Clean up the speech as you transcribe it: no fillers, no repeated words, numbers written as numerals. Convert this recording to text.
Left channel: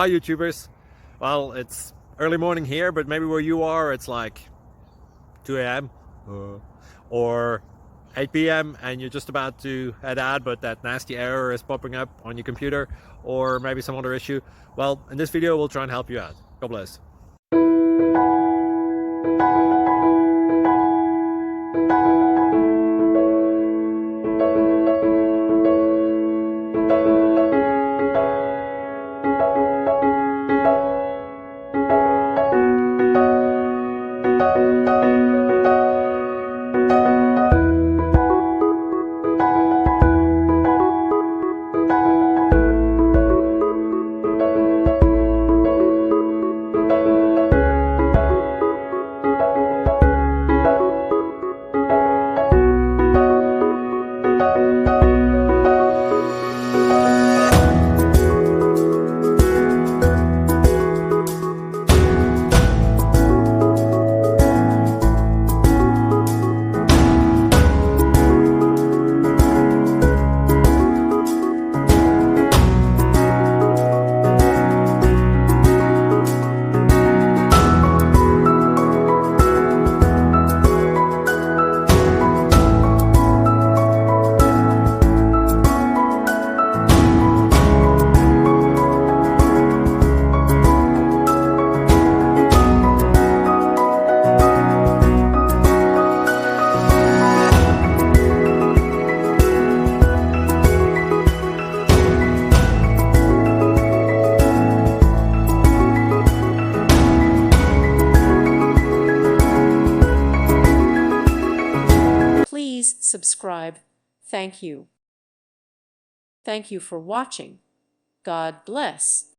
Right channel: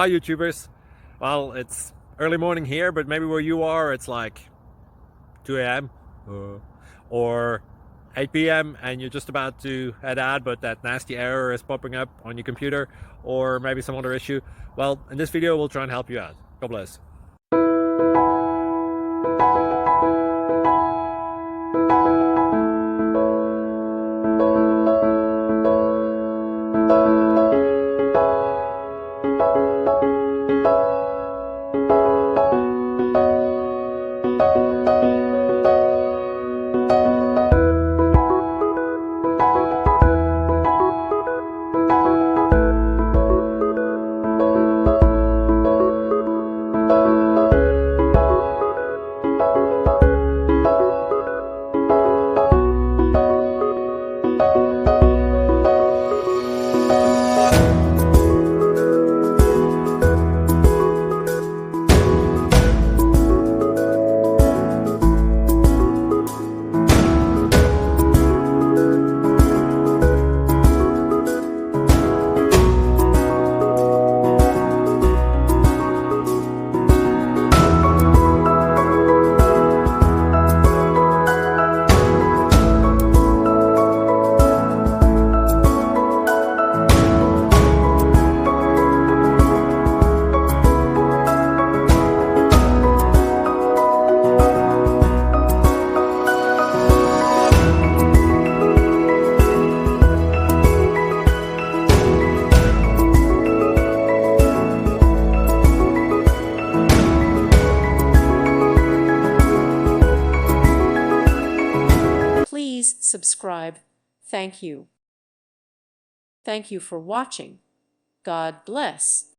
Hi YouTubers. Well, it's early morning here, but maybe where you are it's like 2 a.m. or 8 p.m. and you're just about to head out, but that nasty error is popping up on your computer, or maybe some other issue. Well, in this video we'll try and help you out. God bless. Please subscribe. Thank you. Thank you for watching. God bless.